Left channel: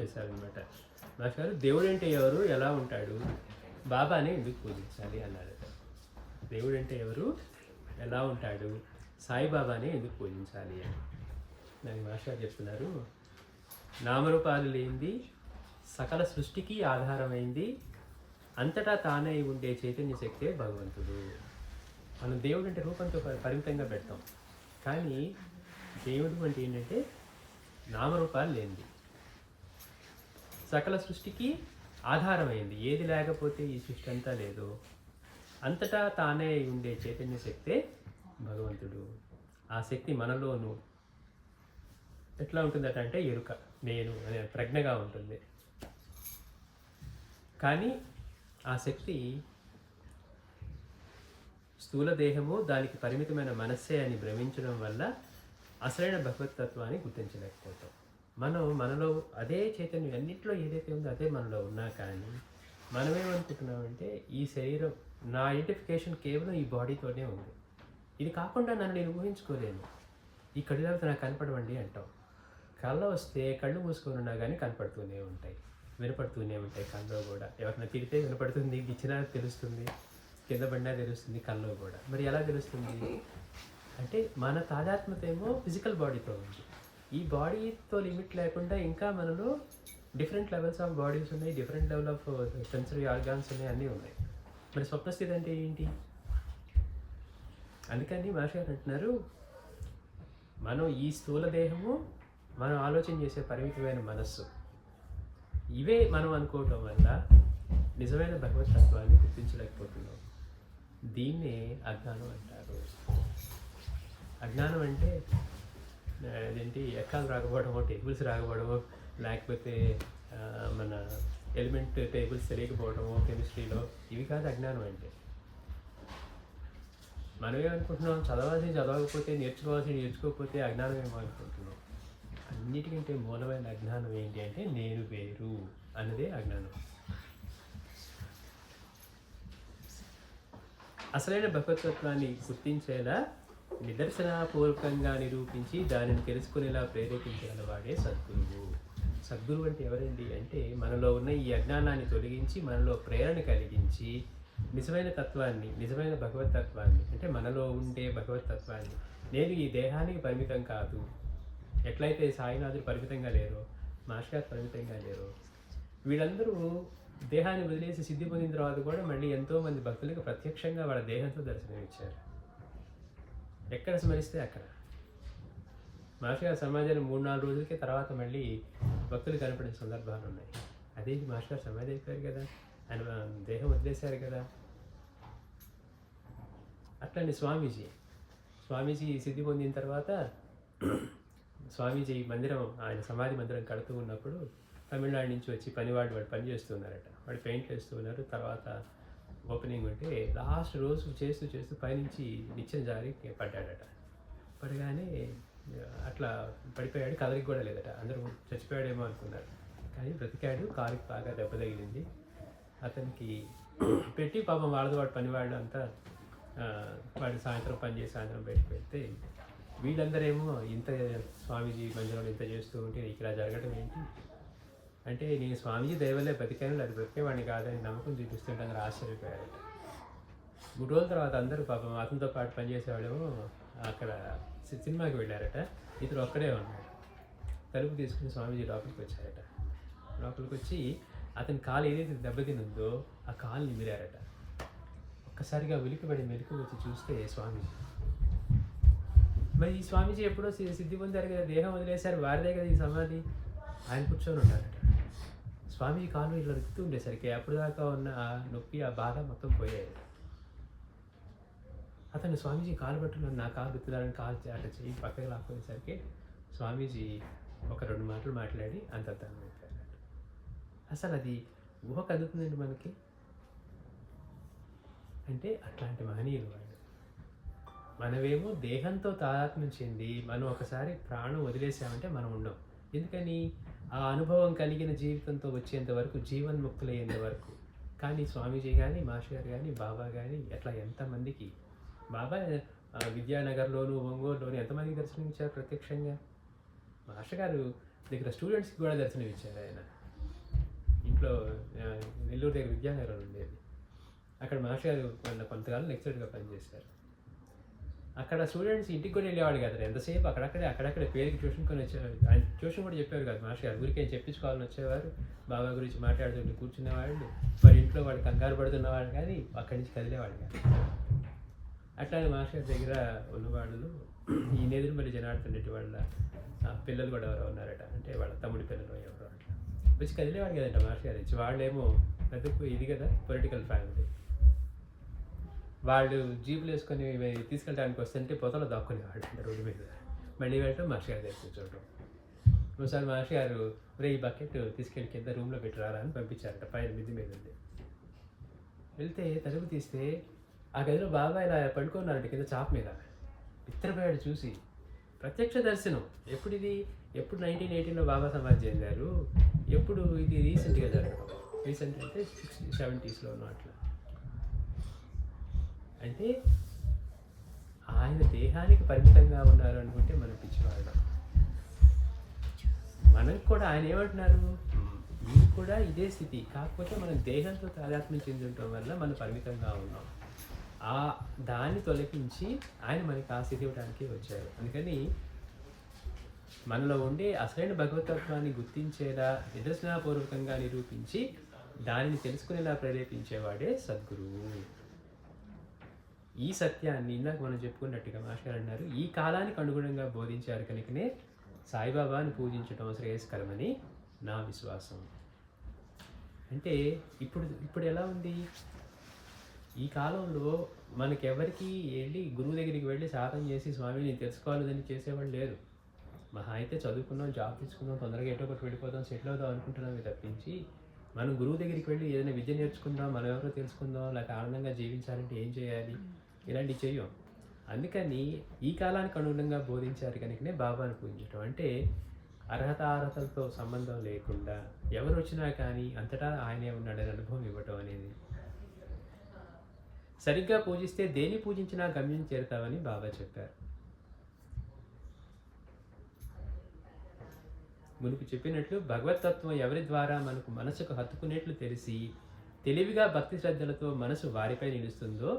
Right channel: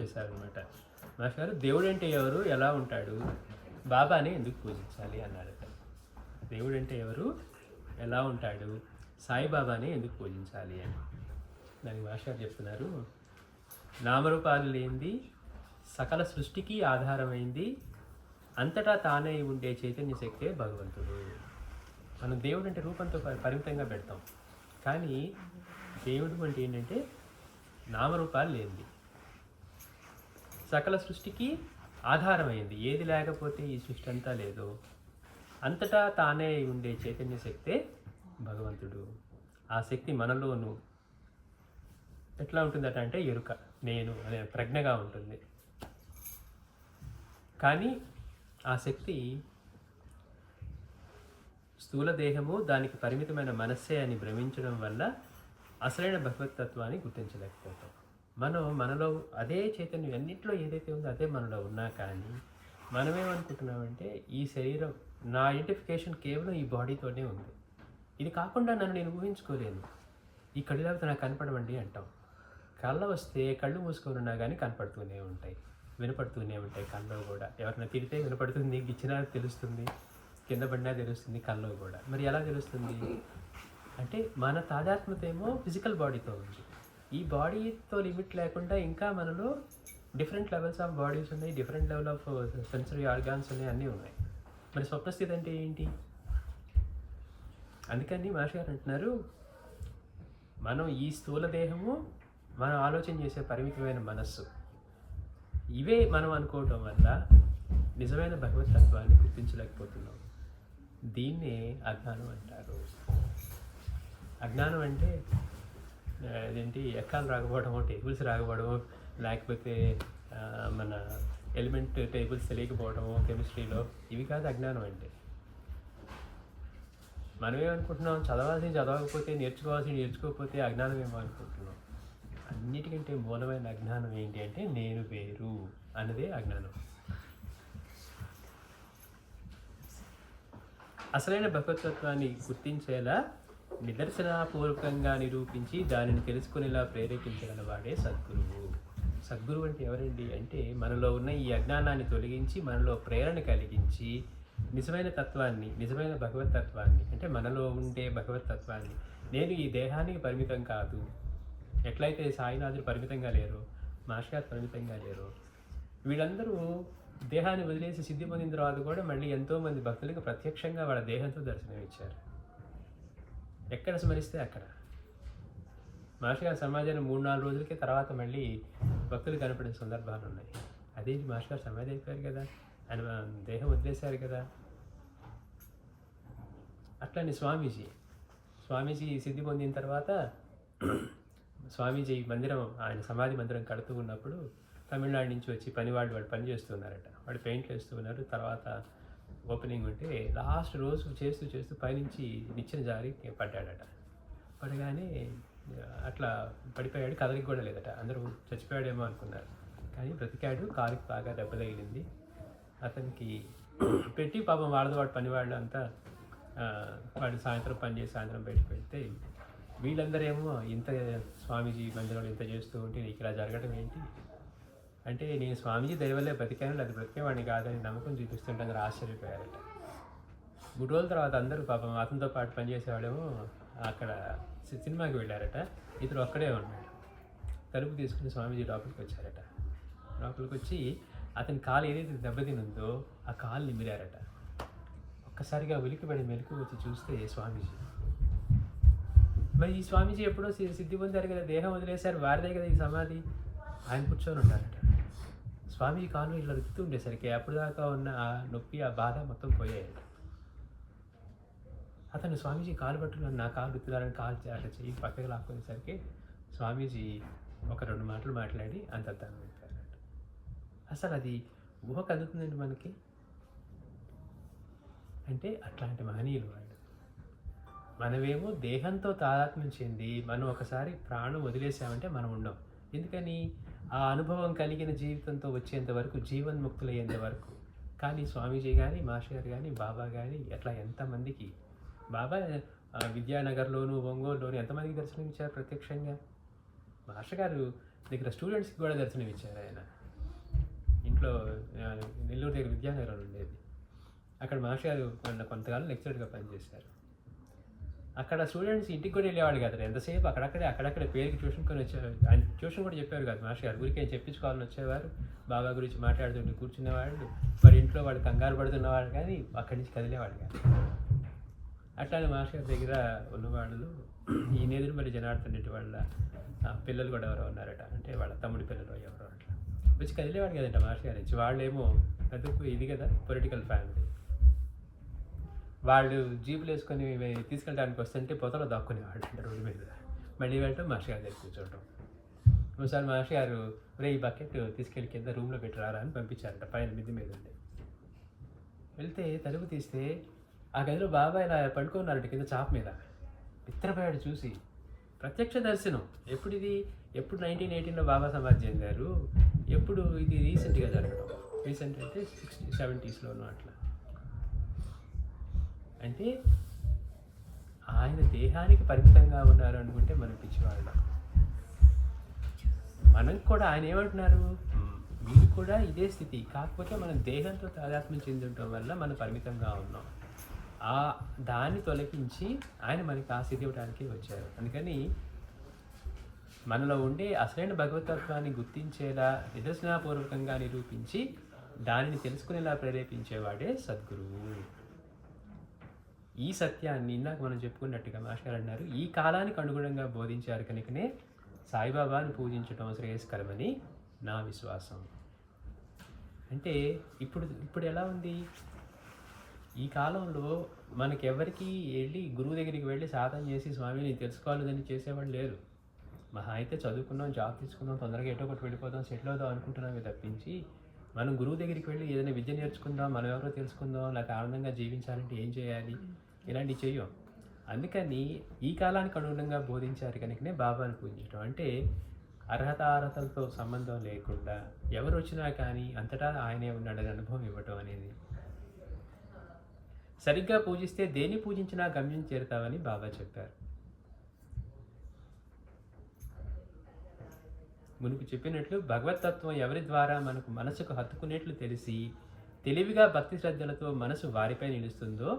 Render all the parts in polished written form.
చేశారనమాట. మాస్టర్ గారు దేవుడు అంటే ఎవరు, ఎలా ఉంటాడు, బాబాని ఎందుకు పూజించాలి అన్నాడు. దేవుడు అంటే ఎవరు, ఎలా ఉంటాడు, సాయిబాబాని ఎందుకు పూజించాలి అని దానికి మాస్టర్ గారు చెప్తున్నారు. నామరూపాలు లేనిది, సకల సృష్టికి ఆధారమైంది, అంతటా తానే ఉండే చైతన్య శక్తే భగవంతుడు. మనం దేవుడు అంటే రూపంతో పరిమితంగా పెడతాం, కానీ దేవుడు అంటే ఏంటంటే నామరూపాలు లేనిది, సకల సృష్టికి ఆధారమైంది, ఏది లేకపోతే ఈ సృష్టి అంతా లేదు, అంతటా తానే ఉండే చైతన్య శక్తే భగవంతుడు. ఆ శక్తి మనలోనూ ఎట్లా ఉంటుందట అంటే ఎరుక, నేను అనే ప్రజ్ఞగా ఉంటుంది. కానీ ఆ శక్తి స్థూల దేహము, దానికి పరిమితమైన మనస్సే అని భ్రమించడం వల్ల అసలైన భగవతత్వాన్ని గుర్తించలేకపోతాం. మనలో అదే చైతన్యం అన్నింటిలో ఏదైతే ఉందో అదే మనలో ఉన్నా కానీ మనమేమనుకుంటున్నామంటే ఈ శరీరం, నా ఐడెంటిఫికేషన్ కేవలం ఈ బాడీతోనే ఉంది, ఇది కాకుండా నన్ను నేను ఊహించుకోలేను, ఈ కళ్ళతో నాకు కనపడవండి అంటాం. కళ్ళ వస్తే కళ్ళు మూసుకొని ఉన్నా కానీ కనపడుతూనే ఉంటాయి, వినపడుతూనే ఉంటాయి. కళ్ళలో కూడా ఎవరైనా తిరిగితే వినపడుతుంది, గిచ్చినా తెలుస్తుంది, కింద పడినా తెలుస్తుంది, కళ్ళలో కూడా. మరి ఎలా తెలుస్తుంది అంటే మన తాదాత్మ్యత ఏమో ఫిజికల్ బాడీతో ఉంది. ఈ బాడీతో లిమిట్ లేకుండా ఇంకా మనలో డిఫరెంట్ లెవెల్స్ ఆఫ్ బాడీస్ ఉన్నాయి, different level of sensory organs ఉన్నాయి, అన్నీ ఉన్నాయి. మరి స్వప్నస్థితి అంటే ఏంటి? అందుకని మాస్టర్ గారు అంటున్నారు, మనం ఈ స్థూల దేహము, మనం ఆలోచన చేసే పరిమితమైన మనస్సు, ఇవే మనం అనుకోవటం వల్ల నిజమైన భగవతత్వాన్ని గుర్తించలేకపోతున్నాం. దీన్నే అజ్ఞానం అంటారు. అజ్ఞానం అంటే అదేంటి, ఎక్కాలు రాకపోవడమో, టేబుల్స్ రాకపోవడమో, లేకపోతే మన ఎలిమెంట్ టేబుల్స్ తెలియకపోవడమో కెమిస్ట్రీలో, ఇవి కాదు అజ్ఞానం అంటే. మనమేమనుకుంటున్నాం, చదవకపోతే, నేర్చుకోకపోతే అజ్ఞానం ఏమో అనుకుంటున్నాం. అన్నిటికంటే మూలమైన అజ్ఞానం ఏంటి అంటే నేను వేరు అన్నదే అజ్ఞానం. అసలైన భగవతత్వాన్ని గుర్తించేలా నిదర్శనపూర్వకంగా నిరూపించి దానిని తెలుసుకునేలా ప్రేరేపించిన వాడే సద్గురువు. సద్గురువు అంటే ఎవరండి అంటే మనలో ఉన్న ఈ అజ్ఞానాన్ని తొలగించి మనలో ప్రేరణ కలిగించి నిజమైన తత్వాన్ని, నిజమైన భగవతత్వాన్ని, అంటే మనలో ఉండే భగవతత్వాన్ని, నేను ఈ దేహానికి పరిమితం కాదు, ఎట్లయితే సాయినాథుడు పరిమితంగా లేరో, మాస్టర్ గారు పరిమితంగా లేరో, వీళ్ళందరూ దేహాన్ని వదిలేసి సిద్ధి పొందిన తర్వాత కూడా మళ్ళీ ఎంతోమంది భక్తులకు ప్రత్యక్షంగా వాళ్ళ దేహంతో దర్శనం ఇచ్చారు. ఎక్కడ స్మరిస్తే అక్కడ. మాస్టర్ గారు సమాజంలో 3-4 రోజులకి తర్వాత మళ్ళీ భక్తులు కనపడిన సందర్భాలు ఉన్నాయి. అదేంటి, మాస్టర్ గారు సమాధి అయిపోయారు కదా, ఆయన దేహం వదిలేశారు కదా. అట్లనే స్వామీజీ సిద్ధి పొందిన తర్వాత స్వామీజీ మందిరం, ఆయన సమాధి మందిరం కడుతూ ఉన్నప్పుడు తమిళనాడు నుంచి వచ్చి వాడు పని చేస్తున్నారట. వాడు పెయింట్లు వేస్తూ ఉన్నారు. తర్వాత ఓపెనింగ్ ఉంటే లాస్ట్ రోజు చేస్తూ పైనుంచి నిచ్చెన జారి పడ్డాడట. పడగానే అట్లా పడిపోయాడు, కదలికి కూడా లేదట. అందరూ చచ్చిపోయాడేమో అనుకున్నారు, కానీ బ్రతికాడు. కాలుకి బాగా దెబ్బ తగిలింది. అతనికి పెట్టి పాపం వాడు పనివాళ్ళు అంతా వాడు సాయంత్రం పని చేసి సాయంత్రం బయటకు వెళ్తే వీళ్ళందరేమో ఇంత స్వామీజీ మందిరంలో ఇంత చేస్తూ ఉంటే నీకు ఇలా జరగడం ఏంటి అంటే, నేను స్వామీజీ దయవల్లే బతికాను, అది బ్రతికేవాడిని కాదని నమ్మకం చూపిస్తుంటే అందరూ ఆశ్చర్యపోయారట. 3 రోజుల తర్వాత అందరూ పాపం అతనితో పాటు పనిచేసేవాడేమో అక్కడ సినిమాకి వెళ్ళారట. ఇతడు ఒక్కడే ఉన్నాడు. తలుపు తీసుకుని స్వామీజీ లోపలికి వచ్చారట. లోపలికి వచ్చి అతని కాలు ఏదైతే దెబ్బతినుందో ఆ కాలు నిమిరారట. ఒక్కసారిగా ఉలికిపడి మెలకు వచ్చి చూస్తే స్వామీజీ. మరి ఈ స్వామీజీ ఎప్పుడో సిద్ధి పొందారు కదా, దేహం వదిలేశారు, వారిదే కదా ఈ సమాధి. ఆయన కూర్చొని ఉన్నారట. స్వామీజీ కాలు ఇట్లా రుద్దుతూ ఉండేసరికి అప్పుడు దాకా ఉన్న ఆ నొప్పి, ఆ బాధ మొత్తం పోయాయి. అతను స్వామీజీ కాలు పట్టుకుని నా కాలు రుద్దుతారని కాలు అట్లా చేయి పక్కకి లాక్కునేసరికి స్వామీజీ ఒక 2 మాటలు మాట్లాడి అంతర్ధానం అయిపోయారట. అసలు అది ఊహ కదుగుతుందండి మనకి. అంటే అట్లాంటి మహనీయులు వాళ్ళు. మనమేమో దేహంతో తాదాత్మ్యం చెంది మనం ఒకసారి ప్రాణం వదిలేసామంటే మనం ఉండం. ఎందుకని? ఆ అనుభవం కలిగిన జీవితంతో వచ్చేంత వరకు, జీవన్ముక్తులయ్యేంత వరకు. కానీ స్వామీజీ కానీ, మాస్టర్ గారు కానీ, బాబా కానీ ఎట్లా ఎంతమందికి, బాబా విద్యానగర్లోను, ఒంగోలులోను ఎంతమందికి దర్శనం ఇచ్చారు ప్రత్యక్షంగా. మాస్టర్ గారు దగ్గర స్టూడెంట్స్కి కూడా దర్శనం ఇచ్చారు ఆయన. ఇంట్లో నెల్లూరు దగ్గర విద్యానగరం ఉండేది. అక్కడ మాస్టర్ గారు కొంతకాలం లెక్చరర్గా పనిచేశారు. అక్కడ స్టూడెంట్స్ ఇంటికి కూడా వెళ్ళేవాడు కదా, ఎంతసేపు అక్కడక్కడే పేరుకి ట్యూషన్ కొని వచ్చేవారు. ఆయన ట్యూషన్ కూడా చెప్పారు కదా మాస్టర్ గారు, ఊరికే చెప్పించుకోవాలని వచ్చేవారు, బాబా గురించి మాట్లాడుతుంటే కూర్చునేవాళ్ళు. మరి ఇంట్లో వాడు కంగారు పడుతున్నవాడు కానీ అక్కడి నుంచి కదిలేవాడు కాదు. అట్లానే మాస్టర్ గారి దగ్గర ఉన్నవాళ్ళు ఈ నేదురుమల్లి జనార్దన్ రెడ్డి వాళ్ళ పిల్లలు కూడా ఎవరో ఉన్నారట, అంటే వాళ్ళ తమ్ముడి పిల్లలు ఎవరో అట్లా వచ్చి కదిలేవాడు కదంట మాస్టర్ గారి నుంచి. వాళ్ళేమో పెద్దకు ఇది కదా పొలిటికల్ ఫ్యామిలీ, వాళ్ళు జీపులు వేసుకొని తీసుకెళ్ళడానికి వస్తుంటే పొతలో దాక్కునేవాళ్ళు అంటే రోడ్డు మీద. మళ్ళీ వెళ్ళటం మాస్టర్ గారి దగ్గర కూర్చోవటం. ఒకసారి మాస్టర్ గారు ఈ బకెట్ తీసుకెళ్ళి కింద రూమ్లో పెట్టిరారా అని పంపించారంట, పైన మిద్ది మీద ఉంది. వెళ్తే తలుపు తీస్తే ఆ గదిలో బాబా ఇలా పడుకున్నారంట కింద చాప మీద. ఇత్తరపోయాడు చూసి. ప్రత్యక్ష దర్శనం. ఎప్పుడు 1918లో బాబా సమాధి చెందారు, ఎప్పుడు ఇది రీసెంట్గా జరగడం. రీసెంట్ అంటే 60s 70sలో ఉన్నట్లు. అంటే ఆయన దేహానికి పరిమితంగా ఉన్నారు అనుకుంటే మనం పిచ్చివాడు. మనకు కూడా ఆయన ఏమంటున్నారు, మీరు కూడా ఇదే స్థితి, కాకపోతే మనం దేహంతో తాదాత్మ్యం చెందుండటం వల్ల మనం పరిమితంగా ఉన్నాం. దాన్ని తొలగించి ఆయన మనకి ఆ స్థితి ఇవ్వడానికి వచ్చారు. అందుకని మనలో ఉండే అసలైన భగవతత్వాన్ని గుర్తించేలా నిదర్శనాపూర్వకంగా నిరూపించి దానిని తెలుసుకునేలా ప్రేరేపించేవాడే సద్గురువు. ఈ సత్యాన్ని ఇందాక మనం చెప్పుకున్నట్టుగా మాస్టర్ అన్నారు, ఈ కాలానికి అనుగుణంగా బోధించారు కనుకనే సాయిబాబాను పూజించడం శ్రేయస్కరమని నా విశ్వాసం. అంటే ఇప్పుడు ఎలా ఉంది, ఈ కాలంలో మనకెవరికి వెళ్ళి గురువు దగ్గరికి వెళ్ళి సాధన చేసి స్వామిని తెలుసుకోవాలని చేసేవాళ్ళు లేరు. మహా అయితే చదువుకున్నాం, జాబ్ తీసుకుందాం, తొందరగా ఎటో ఒకటి వెళ్ళిపోతాం, సెటిల్ అవుదాం అనుకుంటున్నామే తప్పించి మనం గురువు దగ్గరికి వెళ్ళి ఏదైనా విద్య నేర్చుకుందాం, మనం ఎవరో తెలుసుకుందాం, లేక ఆనందంగా జీవించాలంటే ఏం చేయాలి, ఇలాంటివి చెయ్యం. అందుకని ఈ కాలానికి అనుగుణంగా బోధించారు కనుకనే బాబాను పూజించడం. అంటే అర్హతలతో సంబంధం లేకుండా ఎవరు వచ్చినా కానీ అంతటా ఆయనే ఉన్నాడని అనుభవం ఇవ్వటం అనేది. సరిగ్గా పూజిస్తే దేన్ని పూజించినా గమ్యం చేరుతామని బాబా చెప్పారు. మునుపు చెప్పినట్లు భగవతత్వం ఎవరి ద్వారా మనకు మనసుకు హత్తుకునేట్లు తెలిసి తెలివిగా భక్తి శ్రద్ధలతో మనసు వారిపై నిలుస్తుందో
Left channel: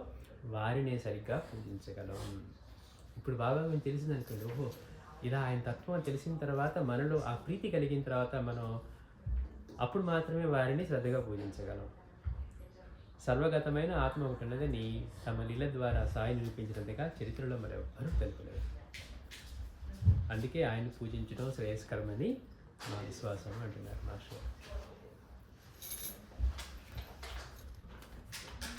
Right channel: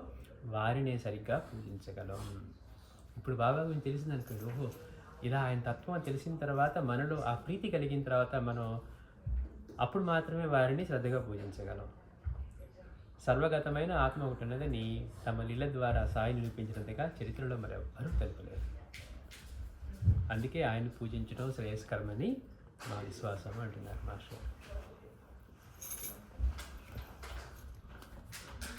వారినే సరిగ్గా పూజించగలం. ఇప్పుడు బాబా గురించి తెలిసిందనుకోండి, ఓహో ఇలా ఆయన తత్వం తెలిసిన తర్వాత మనలో ఆ ప్రీతి కలిగిన తర్వాత మనం అప్పుడు మాత్రమే వారిని శ్రద్ధగా పూజించగలం. సర్వగతమైన ఆత్మ ఒకటి ఉన్నదని తమ లీల ద్వారా సాయి నిరూపించినట్టుగా చరిత్రలో మరెవరూ తెలుపలేదు. అందుకే ఆయన పూజించడం శ్రేయస్కరమని మా విశ్వాసం అంటున్నారు మాస్టర్.